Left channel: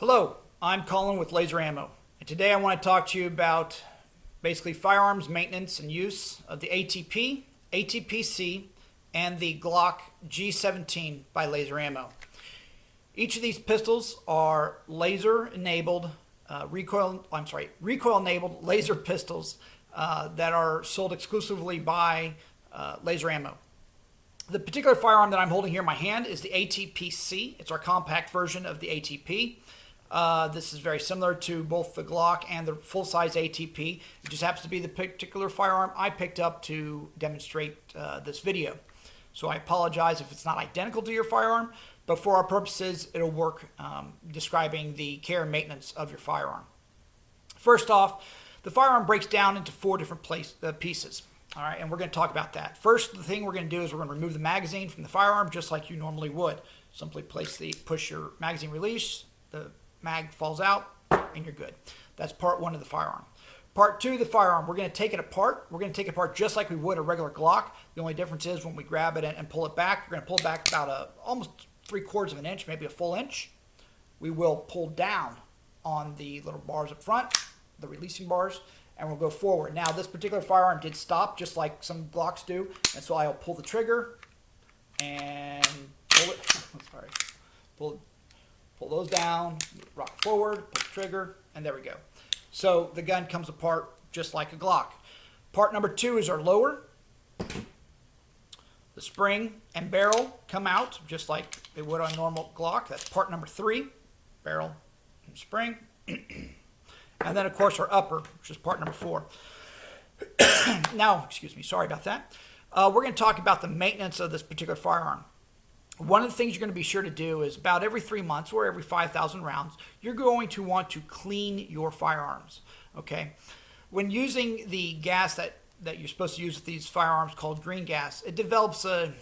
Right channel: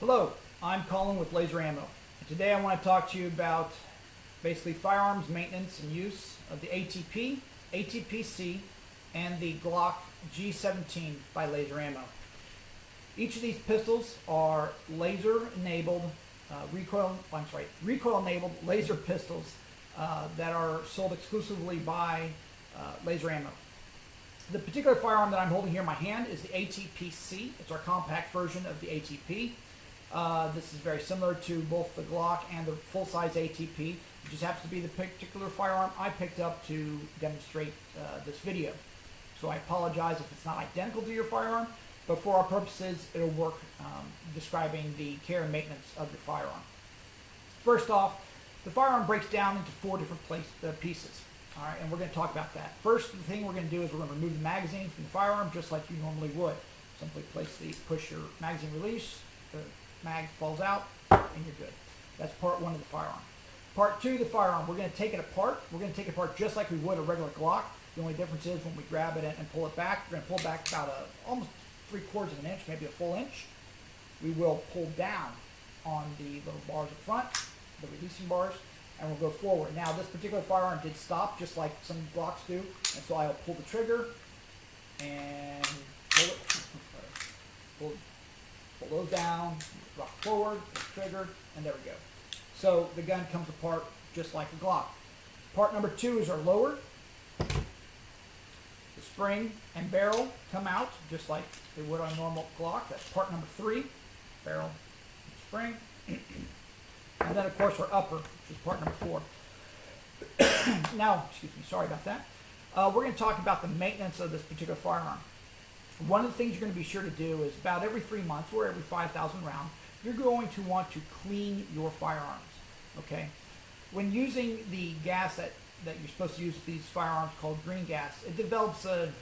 Hello, I'm Colin with Laser Ammo, and today I want to talk to you about basically firearms maintenance and use of the ATP, ATPC, and the Glock G17 by Laser Ammo. Each of these pistols are laser-enabled, recoil-enabled laser pistols that are sold exclusively by Laser Ammo. The particular firearm that I'm holding here in my hand is the ATPC. It's our compact version of the ATP. This is very similar to both the Glock and the full-size ATP. It just happens to be the particular firearm I picked up to demonstrate this video. So I apologize if it's not identical to your firearm, but for our purposes, it'll work describing the care and maintenance of your firearm. First off, the firearm breaks down into four different pieces. All right, and we're going to talk about that. First, the thing we're going to do is we're going to remove the magazine from the firearm just like you normally would. Simply push your magazine release, the mag falls out, and you're good. That's part one of the firearm. Part two of the firearm, we're going to take it apart. We're going to take it apart just like we would a regular Glock. The only difference is when we grab it and pull it back, we're going to pull it back about almost 3/4 of an inch, maybe a full inch. We will pull down on the little bars up front, the releasing bars, and we'll go forward. Now, this particular firearm did stop just like some Glocks do, and so I'll pull the trigger and pull it. Pull those down, rock forward, pull the trigger, and there we go. So the gun comes apart just like a Glock. Part number two is our lower. The spring and barrel come out just like they would on a normal Glock. That's part number three, barrel and spring. And then, of course, our upper, which is part number four. Now, excuse me, sorry about that. We're going to talk about the maintenance of this particular firearm. One of the things you're going to be sure to do is about every 3 months or every 5,000 rounds, you're going to want to clean your firearms, okay? When using the gas that you're supposed to use with these firearms called green gas, it develops a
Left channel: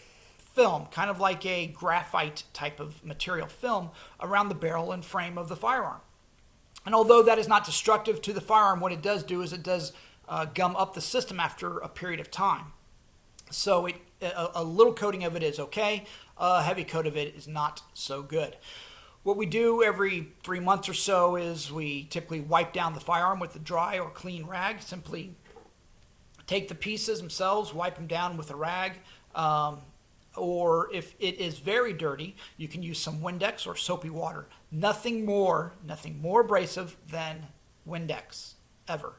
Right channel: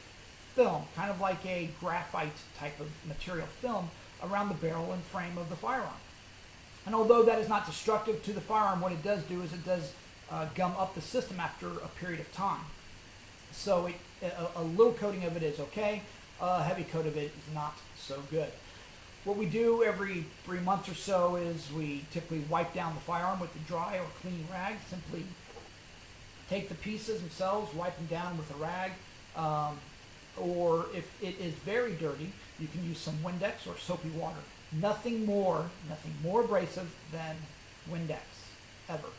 film, kind of like a graphite type of material film around the barrel and frame of the firearm. And although that is not destructive to the firearm, what it does do is it does gum up the system after a period of time. So a little coating of it is okay. A heavy coat of it is not so good. What we do every 3 months or so is we typically wipe down the firearm with a dry or clean rag. Simply take the pieces themselves, wipe them down with a rag. Or if it is very dirty, you can use some Windex or soapy water. Nothing more abrasive than Windex, ever.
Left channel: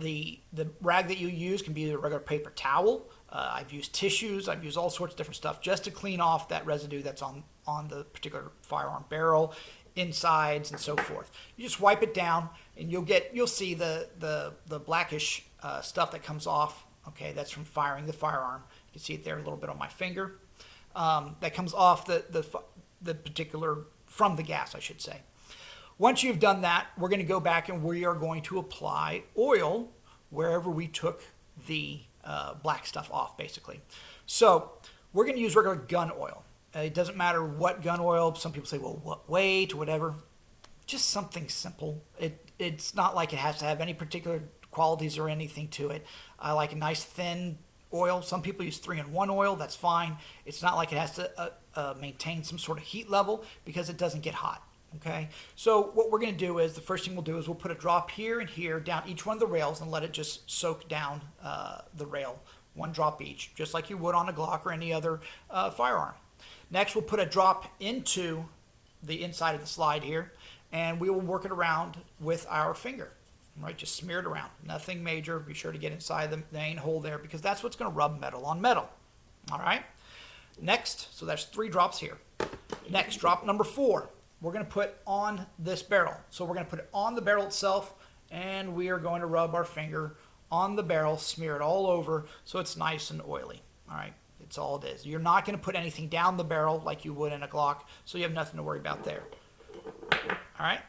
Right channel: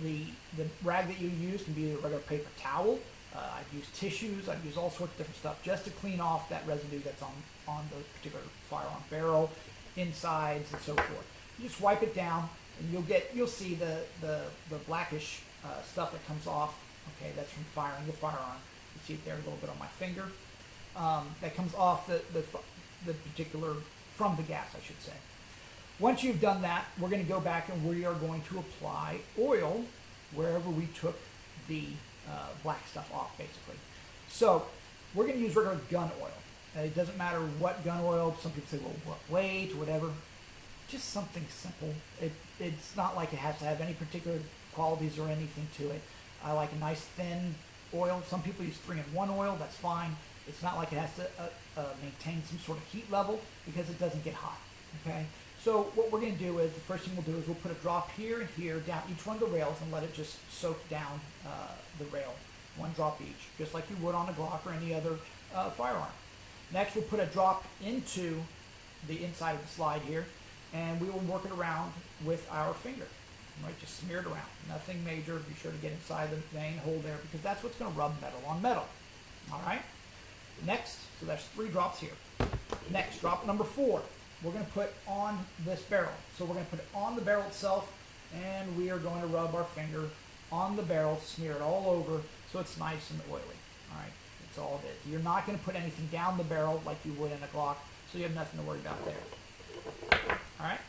The rag that you use can be a regular paper towel. I've used tissues. I've used all sorts of different stuff just to clean off that residue that's on the particular firearm barrel, insides, and so forth. You just wipe it down, and you'll see the blackish stuff that comes off. Okay, that's from firing the firearm. You see it there a little bit on my finger. That comes off the particular from the gas, I should say. Once you've done that, we're going to go back and we are going to apply oil wherever we took the black stuff off, basically. So we're going to use regular gun oil. It doesn't matter what gun oil. Some people say, well, what weight or whatever. Just something simple. It's not like it has to have any particular qualities or anything to it. I like a nice thin oil. Some people use 3-in-1 oil. That's fine. It's not like it has to maintain some sort of heat level because it doesn't get hot. Okay, so what we're going to do is the first thing we'll do is we'll put a drop here and here down each one of the rails and let it just soak down the rail, one drop each, just like you would on a Glock or any other firearm. Next, we'll put a drop into the inside of the slide here, and we will work it around with our finger. Right, just smear it around. Nothing major. Be sure to get inside the main hole there because that's what's going to rub metal on metal. All right. Next, so that's 3 drops here. Next, drop number 4. We're going to put on this barrel. So we're going to put it on the barrel itself, and we are going to rub our finger on the barrel, smear it all over so it's nice and oily. All right, that's all it is. You're not going to put anything down the barrel like you would in a Glock, so you have nothing to worry about there. All right,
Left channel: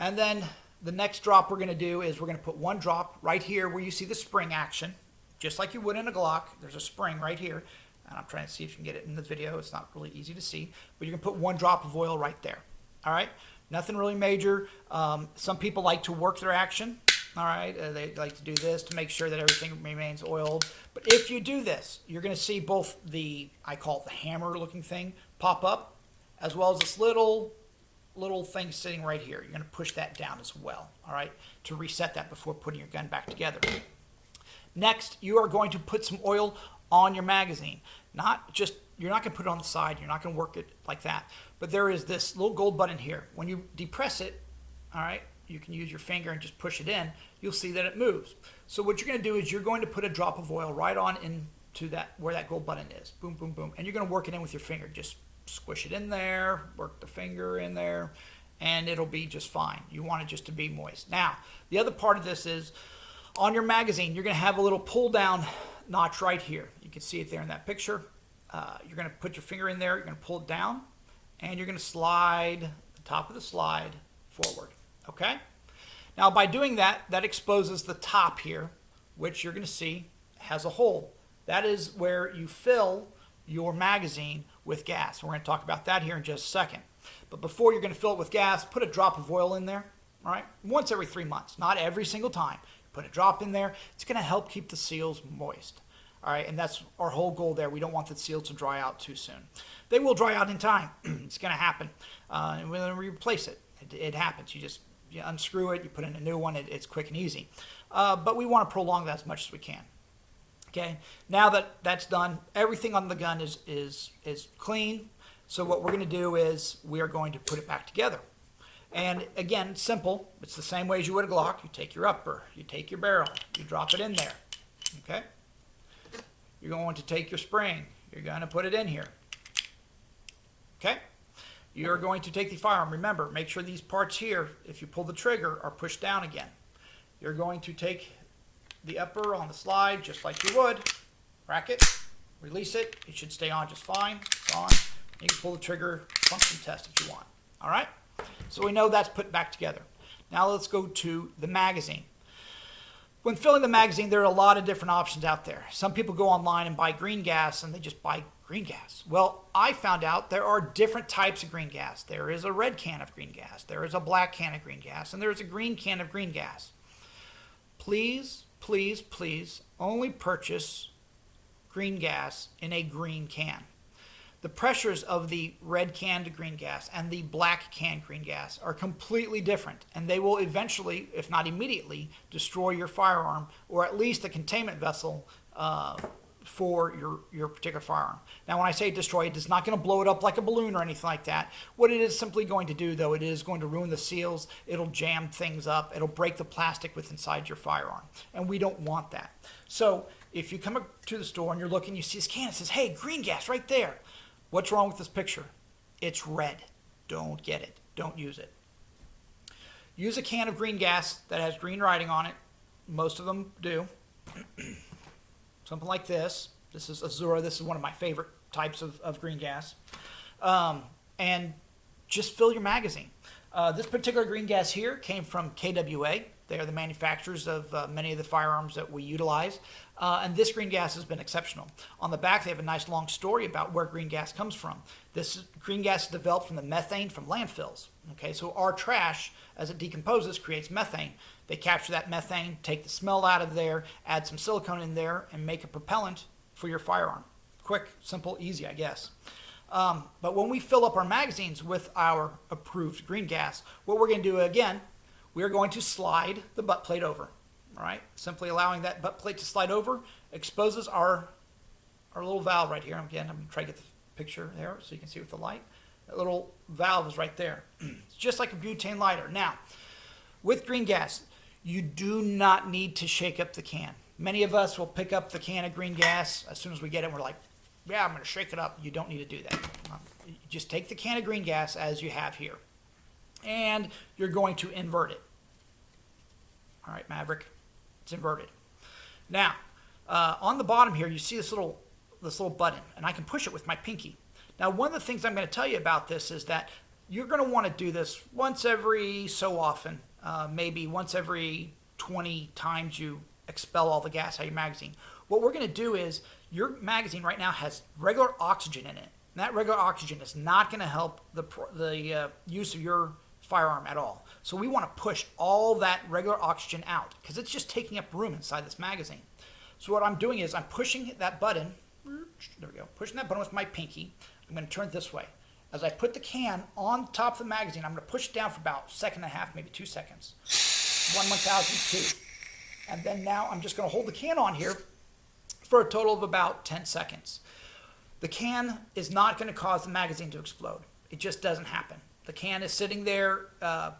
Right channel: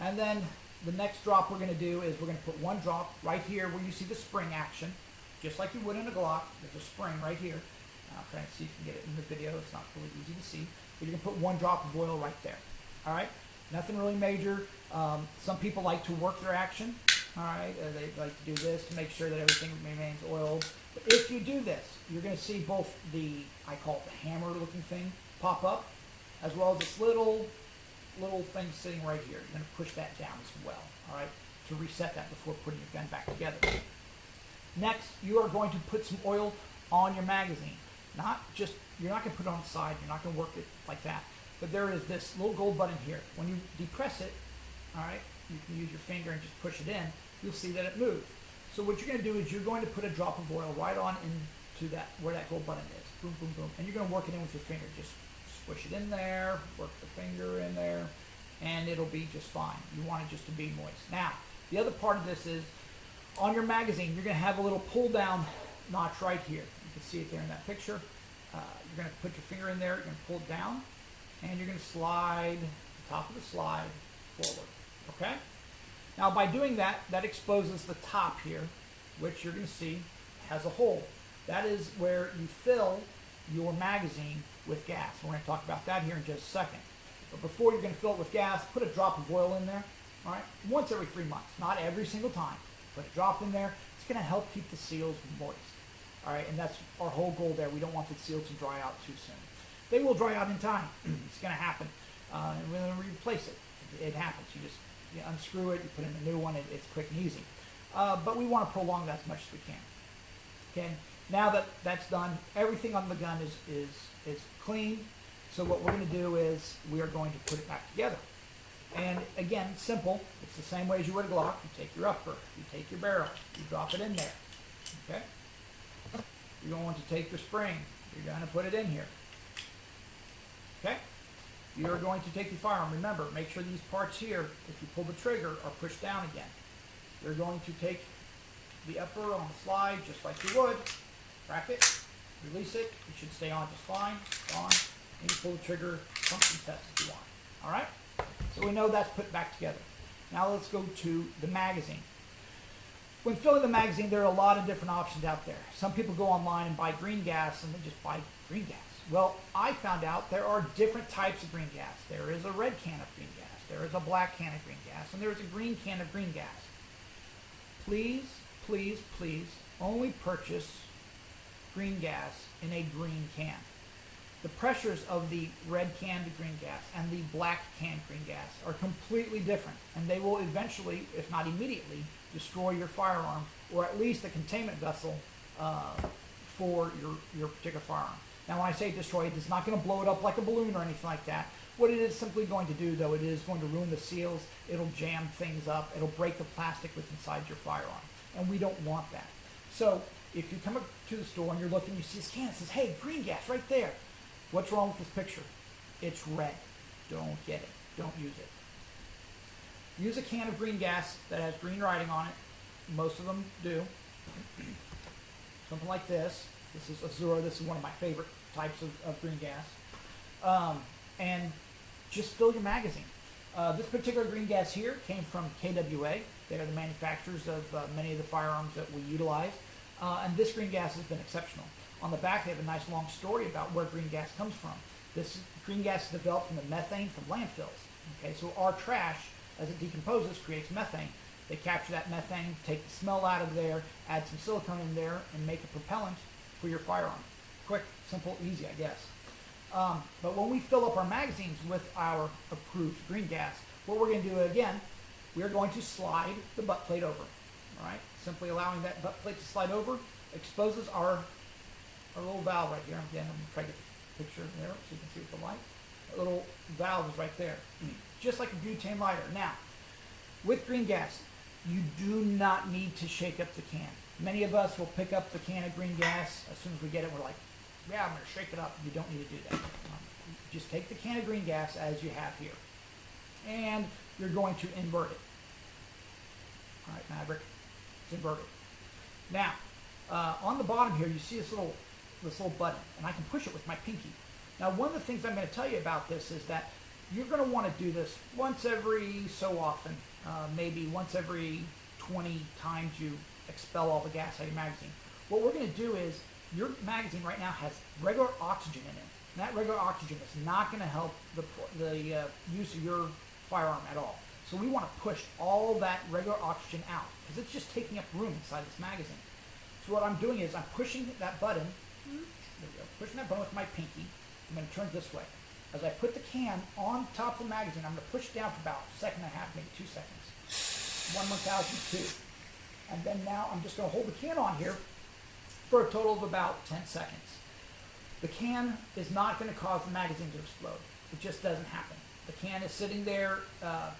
and then the next drop we're going to do is we're going to put 1 drop right here where you see the spring action, just like you would in a Glock. There's a spring right here. I'm trying to see if you can get it in the video. It's not really easy to see, but you can put 1 drop of oil right there. All right, nothing really major. Some people like to work their action. All right, they like to do this to make sure that everything remains oiled. But if you do this, you're going to see both I call it the hammer looking thing, pop up, as well as this little little thing sitting right here. You're going to push that down as well, all right, to reset that before putting your gun back together. Next, you are going to put some oil on your magazine. You're not going to put it on the side. You're not going to work it like that. But there is this little gold button here. When you depress it, all right, you can use your finger and just push it in. You'll see that it moves. So what you're going to do is you're going to put a drop of oil right on into that where that gold button is. Boom, boom, boom. And you're going to work it in with your finger. Just squish it in there, work the finger in there, and it'll be just fine. You want it just to be moist. Now, the other part of this is on your magazine, you're going to have a little pull down notch right here. You can see it there in that picture. You're going to put your finger in there, you're going to pull it down, and you're going to slide the top of the slide forward. Okay? Now, by doing that, that exposes the top here, which you're going to see has a hole. That is where you fill your magazine with gas. We're going to talk about that here in just a second. But before you're going to fill it with gas, put a drop of oil in there, all right? Once every 3 months, not every single time. Put a drop in there. It's going to help keep the seals moist, all right? And that's our whole goal there. We don't want the seals to dry out too soon. They will dry out in time. It's going to happen. And we're going to replace it. It happens. You unscrew it, you put in a new one. It's quick and easy. But we want to prolong that as much as we can. Okay, now that that's done, everything on the gun is clean. So what we're going to do is we are going to put it back together. And again, simple. It's the same way as you would a Glock. You take your upper, you take your barrel, you drop it in there. Okay, you're going to take your spring, you're going to put it in here. Okay, you're going to take the firearm. Remember, make sure these parts here, if you pull the trigger, are pushed down again. You're going to take the upper on the slide just like you would, rack it, release it. It should stay on just fine. It's on. You can pull the trigger, function test if you want. All right? So we know that's put back together. Now let's go to the magazine. When filling the magazine, there are a lot of different options out there. Some people go online and buy green gas and they just buy green gas. Well, I found out there are different types of green gas. There is a red can of green gas. There is a black can of green gas. And there is a green can of green gas. Please, please, please only purchase green gas in a green can. The pressures of the red canned green gas and the black canned green gas are completely different, and they will eventually, if not immediately, destroy your firearm or at least the containment vessel for your particular firearm. Now, when I say destroy, it is not going to blow it up like a balloon or anything like that. What it is simply going to do, though, it is going to ruin the seals. It'll jam things up. It'll break the plastic within inside your firearm, and we don't want that. So if you come up to the store and you're looking, you see this can, it says, hey, green gas right there. What's wrong with this picture? It's red. Don't get it. Don't use it. Use a can of green gas that has green writing on it. Most of them do. Something like this. This is Azura. This is one of my favorite types of green gas. And just fill your magazine. This particular green gas here came from KWA. They are the manufacturers of many of the firearms that we utilize. And this green gas has been exceptional. On the back, they have a nice long story about where green gas comes from. This green gas is developed from the methane from landfills. Okay, so our trash, as it decomposes, creates methane. They capture that methane, take the smell out of there, add some silicone in there, and make a propellant for your firearm. Quick, simple, easy, I guess. But when we fill up our magazines with our approved green gas, what we're going to do again, we're going to slide the butt plate over. All right, simply allowing that butt plate to slide over exposes our little valve right here. Again, I'm going to try to get the picture there so you can see with the light. That little valve is right there. It's just like a butane lighter. Now, with green gas, you do not need to shake up the can. Many of us will pick up the can of green gas as soon as we get it. We're like, yeah, I'm going to shake it up. You don't need to do that. Just take the can of green gas as you have here, and you're going to invert it. All right, Maverick, it's inverted. Now, on the bottom here, you see this little button, and I can push it with my pinky. Now, one of the things I'm going to tell you about this is that you're going to want to do this once every so often, maybe once every 20 times you expel all the gas out of your magazine. What we're going to do is your magazine right now has regular oxygen in it. And that regular oxygen is not going to help the use of your firearm at all. So we want to push all that regular oxygen out because it's just taking up room inside this magazine. So what I'm doing is I'm pushing that button. There we go. Pushing that button with my pinky. I'm going to turn it this way. as I put the can on top of the magazine, I'm going to push it down for about a second and a half, maybe 2 seconds. 1/1002. And then now I'm just going to hold the can on here for a total of about 10 seconds. The can is not going to cause the magazine to explode. It just doesn't happen. The can is sitting there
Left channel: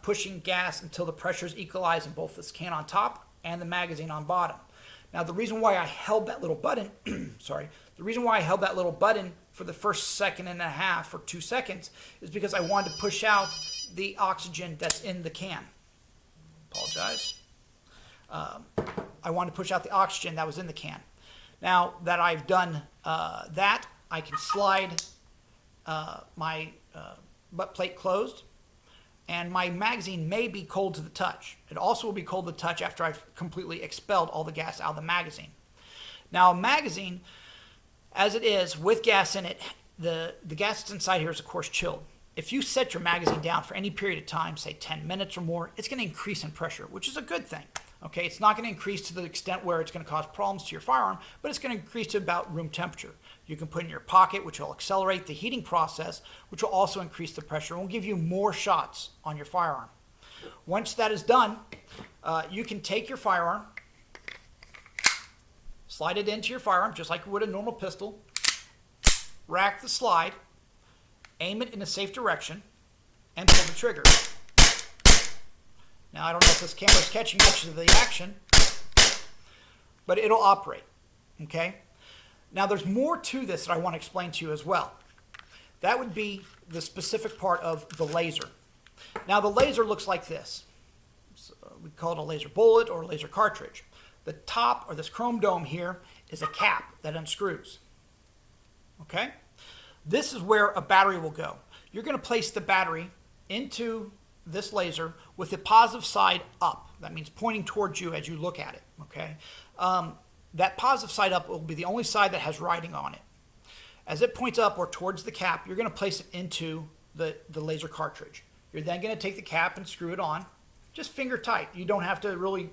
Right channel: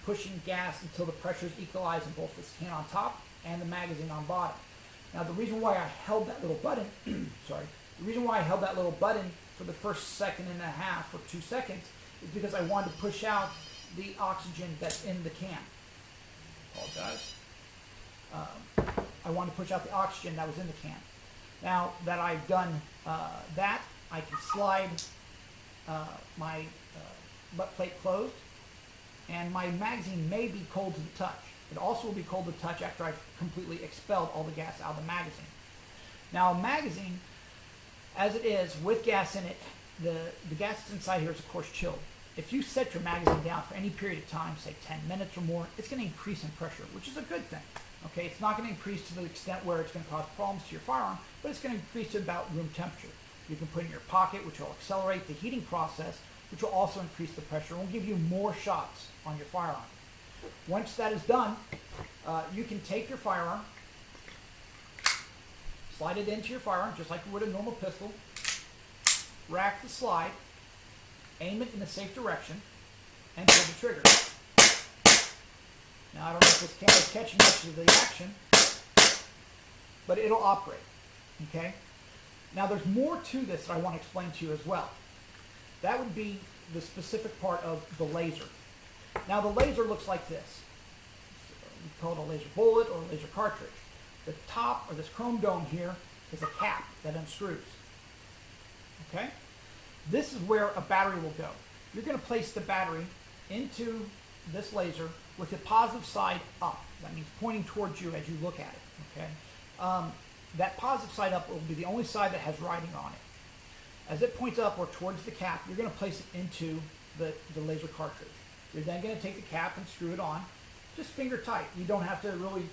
pushing gas until the pressure is equalized in both this can on top and the magazine on bottom. Now the reason why I held that little button, the reason why I held that little button for the first second and a half or 2 seconds is because I wanted to push out the oxygen that's in the can. Apologize. I wanted to push out the oxygen that was in the can. Now that I've done that, I can slide my butt plate closed, and my magazine may be cold to the touch. It also will be cold to the touch after I've completely expelled all the gas out of the magazine. Now a magazine, as it is, with gas in it, the gas that's inside here is of course chilled. If you set your magazine down for any period of time, say 10 minutes or more, it's going to increase in pressure, which is a good thing. Okay, it's not going to increase to the extent where it's going to cause problems to your firearm, but it's going to increase to about room temperature. You can put it in your pocket, which will accelerate the heating process, which will also increase the pressure and will give you more shots on your firearm. Once that is done, you can take your firearm, slide it into your firearm just like you would a normal pistol, rack the slide, aim it in a safe direction, and pull the trigger. Now I don't know if this camera is catching much of the action, but it'll operate, okay? Now there's more to this that I want to explain to you as well. That would be the specific part of the laser. Now the laser looks like this. So we call it a laser bullet or a laser cartridge. The top, or this chrome dome here, is a cap that unscrews, okay? This is where a battery will go. You're going to place the battery into this laser with the positive side up. That means pointing towards you as you look at it, okay? That positive side up will be the only side that has writing on it. As it points up or towards the cap, you're going to place it into the laser cartridge. You're then going to take the cap and screw it on, just finger tight. You don't have to really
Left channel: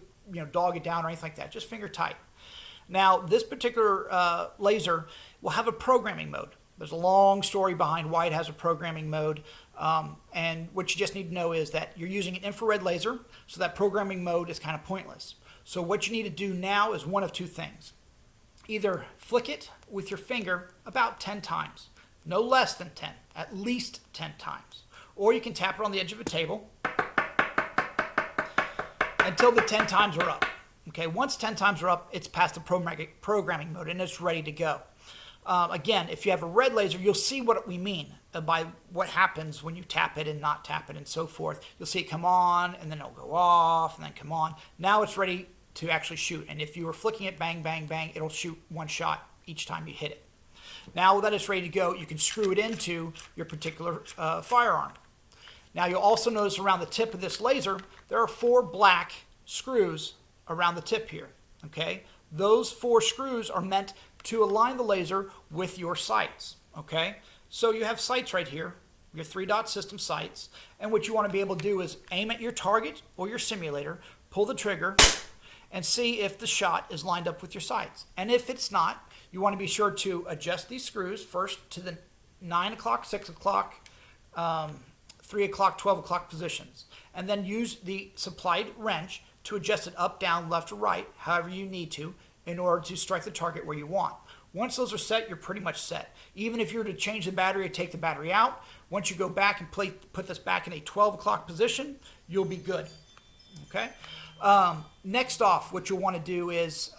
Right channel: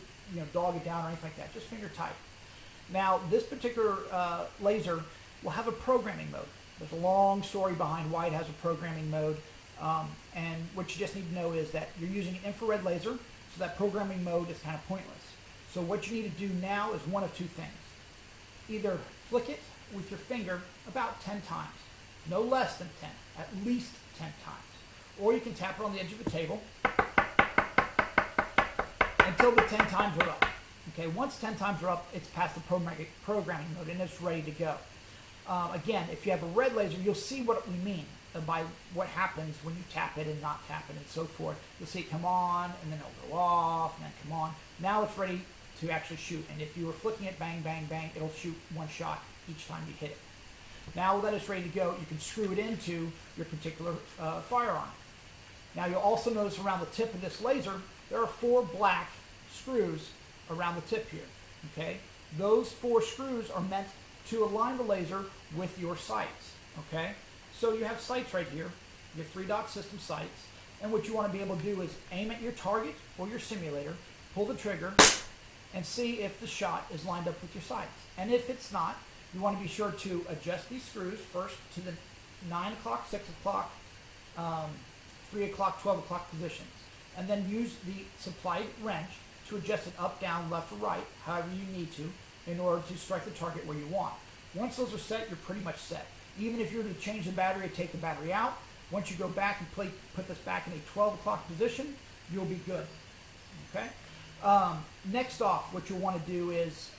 dog it down or anything like that, just finger tight. Now this particular laser will have a programming mode. There's a long story behind why it has a programming mode, and what you just need to know is that you're using an infrared laser, so that programming mode is kind of pointless. So what you need to do now is one of two things. Either flick it with your finger about 10 times, no less than 10, at least 10 times. Or you can tap it on the edge of a table until the 10 times are up. Okay, once 10 times are up, it's past the programming mode and it's ready to go. Again, if you have a red laser, you'll see what we mean by what happens when you tap it and not tap it and so forth. You'll see it come on and then it'll go off and then come on. Now it's ready to actually shoot. And if you were flicking it, bang, bang, bang, it'll shoot one shot each time you hit it. Now that it's ready to go, you can screw it into your particular firearm. Now you'll also notice around the tip of this laser, there are 4 black screws around the tip here, okay? Those 4 screws are meant to align the laser with your sights, okay? So you have sights right here, your 3-dot system sights, and what you want to be able to do is aim at your target or your simulator, pull the trigger, and see if the shot is lined up with your sights. And if it's not, you want to be sure to adjust these screws first to the 9 o'clock, 6 o'clock, 3 o'clock, 12 o'clock positions, and then use the supplied wrench to adjust it up, down, left, or right, however you need to, in order to strike the target where you want. Once those are set, you're pretty much set. Even if you were to change the battery or take the battery out, once you go back and put this back in a 12 o'clock position, you'll be good, okay? Next off, what you'll want to do is,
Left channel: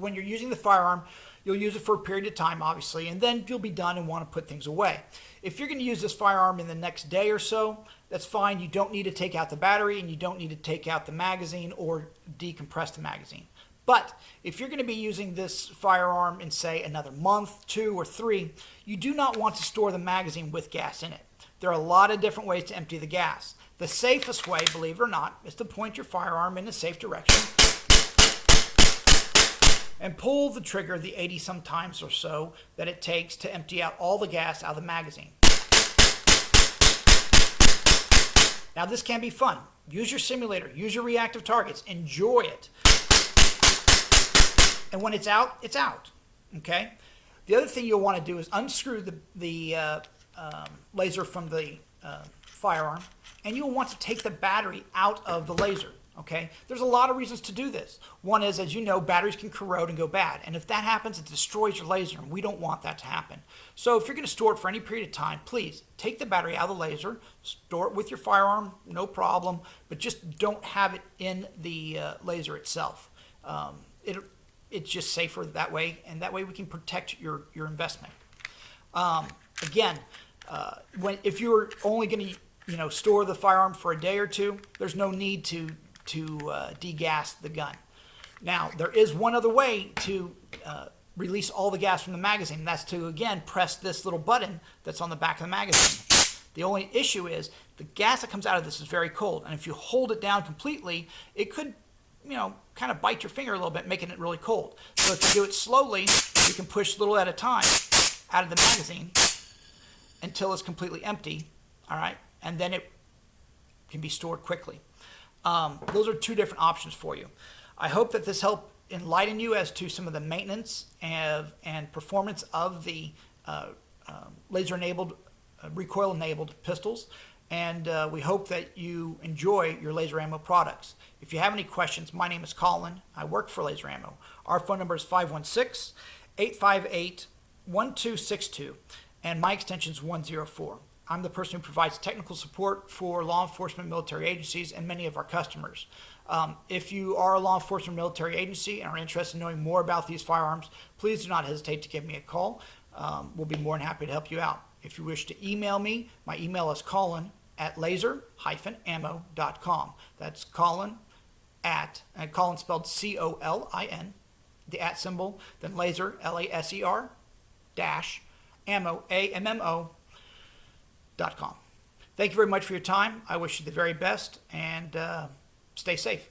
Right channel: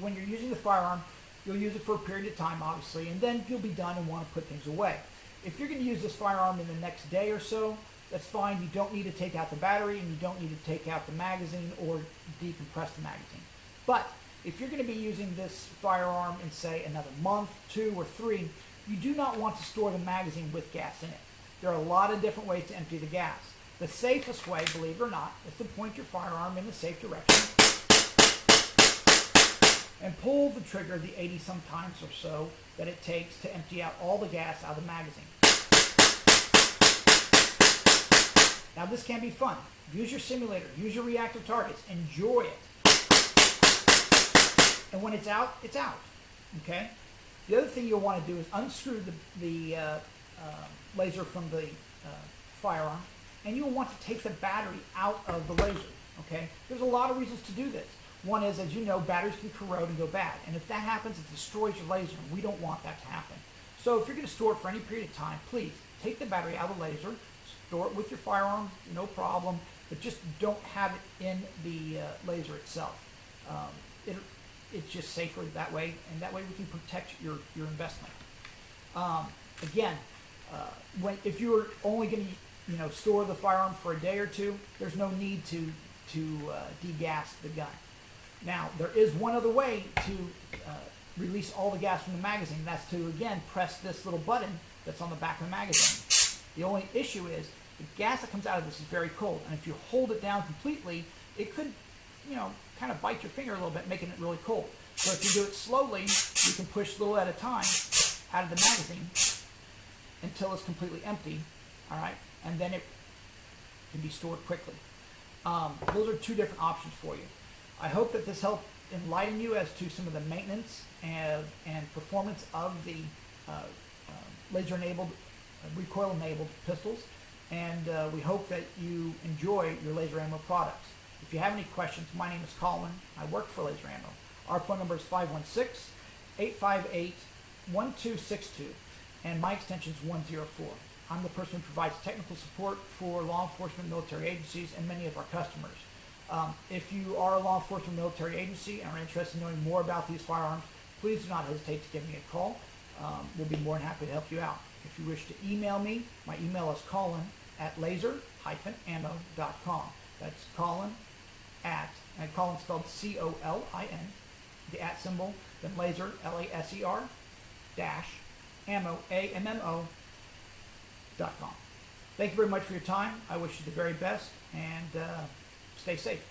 when you're using the firearm, you'll use it for a period of time, obviously, and then you'll be done and want to put things away. If you're going to use this firearm in the next day or so, that's fine. You don't need to take out the battery and you don't need to take out the magazine or decompress the magazine. But if you're going to be using this firearm in, say, another month, 2 or 3, you do not want to store the magazine with gas in it. There are a lot of different ways to empty the gas. The safest way, believe it or not, is to point your firearm in a safe direction and pull the trigger the 80-some times or so that it takes to empty out all the gas out of the magazine. Now this can be fun. Use your simulator, use your reactive targets, enjoy it. And when it's out, okay? The other thing you'll want to do is unscrew the laser from the firearm, and you will want to take the battery out of the laser. Okay, there's a lot of reasons to do this. One is, as you know, batteries can corrode and go bad, and if that happens, it destroys your laser, and we don't want that to happen. So if you're going to store it for any period of time, please take the battery out of the laser, store it with your firearm, no problem, but just don't have it in the laser itself. It's just safer that way, and that way we can protect your investment. Again, if you're only going to store the firearm for a day or two, there's no need to degas the gun. Now, there is one other way to release all the gas from the magazine, and that's to, again, press this little button that's on the back of the magazine. The only issue is the gas that comes out of this is very cold, and if you hold it down completely, it could, kind of bite your finger a little bit, making it really cold. So if you do it slowly, you can push little at a time out of the magazine until it's completely empty, all right, and then it can be stored quickly. Those are two different options for you. I hope that this helped enlighten you as to some of the maintenance and performance of the laser-enabled, recoil-enabled pistols, and we hope that you enjoy your laser ammo products. If you have any questions, my name is Colin. I work for Laser Ammo. Our phone number is 516-858-1262, and my extension is 104. I'm the person who provides technical support for law enforcement, military agencies, and many of our customers. If you are a law enforcement military agency and are interested in knowing more about these firearms, please do not hesitate to give me a call. We'll be more than happy to help you out. If you wish to email me, my email is colin@laser-ammo.com. That's Colin and Colin spelled COLIN, the @ symbol, then laser, LASER, dash, ammo, AMMO.com. Thank you very much for your time. I wish you the very best, and stay safe.